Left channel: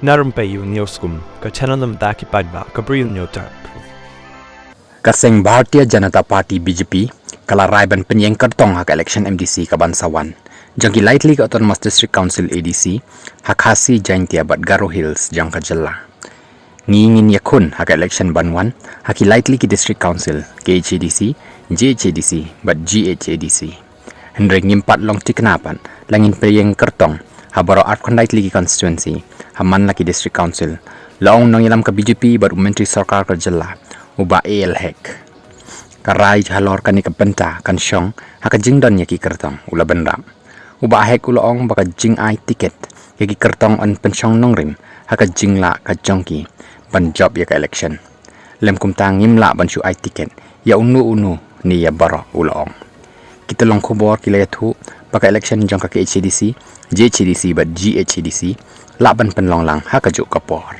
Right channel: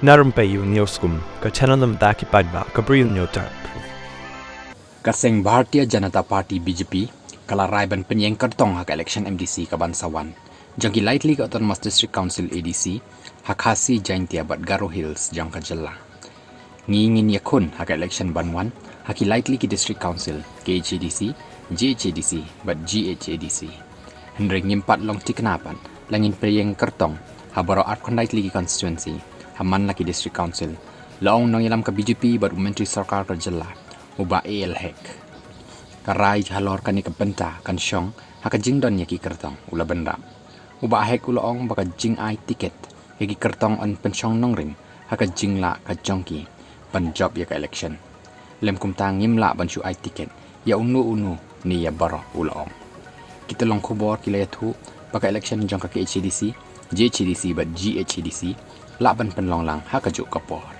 narum payu nioskum ka chananam daki padba ka bril nyotar Kaseng Bharatiya Janata Party BJP kala raiban penyeng kertong hak election MDC ka Bansawan jangki lightly ka Autonomous District Council ADC hakasi jaintia bat Garo Hills jangka jela ngingin yakun hak election Banwan haki lightly ki District Council KHADC JHADC bat GHADC hendreng ngimpat long tiknapan langin penyeng kertong habaro at lightly ki constituency haman laki District Council laong nang ilam ka BJP bat Menteri Sarkar ka jela uba AL hek karai jalor kani ka benta kan syong haka jingdon yaki kertong ula benram uba hek ulaong baka jing ai tiket yaki kertong on pensyong nongrim haka jingla ka jongki ban job yaka election lem kumtang ngimla ban syu ai tiket ya unu ni ya baro ulaong kita long khobor kila yathu baka election jong ka HCDC JHCDC bat GHCDC laban penlong lang haka juk kapor